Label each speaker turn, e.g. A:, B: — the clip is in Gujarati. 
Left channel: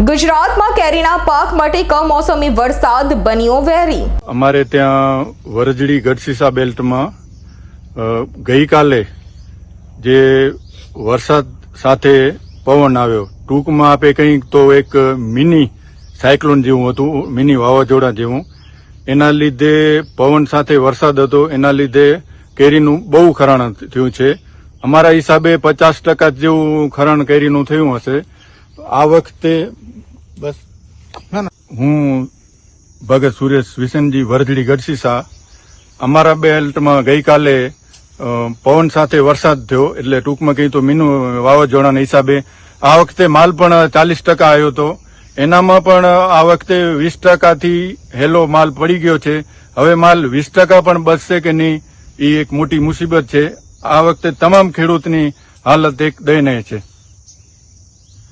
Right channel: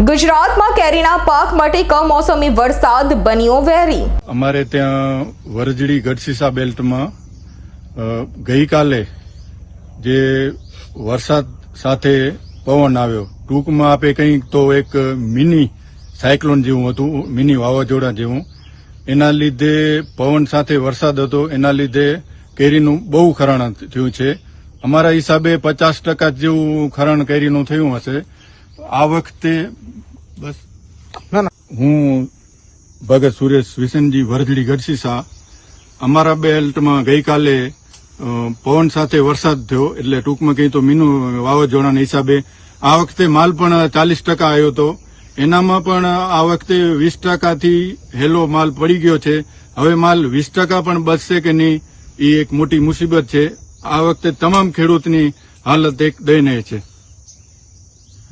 A: ગુજરાતમાં કેરીના પાક માટે કમોસમી વરસાદ બન્યો વેરી.
B: અમારે ત્યાં વરજડી ગઢસીસા બેલ્ટમાં ગઈકાલે જે વરસાદ સાથે પવન આવ્યો, ટૂંકમાં આપે કંઈક તો એક મિની સાયક્લોન જેવું હતું, મિની વાવાઝોડા જેવું. એના લીધે પવન સાથે વરસાદ હતો, એના લીધે કેરીનું બહુ ખરાણ થયું છે. અમારા હિસાબે પચાસ ટકા જેવું ખરાણ કેરીનું થયું હશે. આ વખતે બસ. હું ભગત સુરેશ વિસનજી વરજડી ગઢસીસા અમારા બેલ્ટમાં ગઈકાલે પવન સાથે વરસાદ થયો એટલે ટૂંકમાં કહી તો મીનું વાવાઝોડાના હિસાબે આ વખતે માલ પણ ચાલીસ ટકા આવ્યો હતો એનામાં પણ આ વખતે વીસ ટકાથી હેલો માલ પડી ગયો છે. હવે માલ વીસ ટકા પણ બચશે કે નહીં એ એક મોટી મુસીબત છે. આ વખતે તમામ ખેડૂતની હાલત એક દયનીય છે.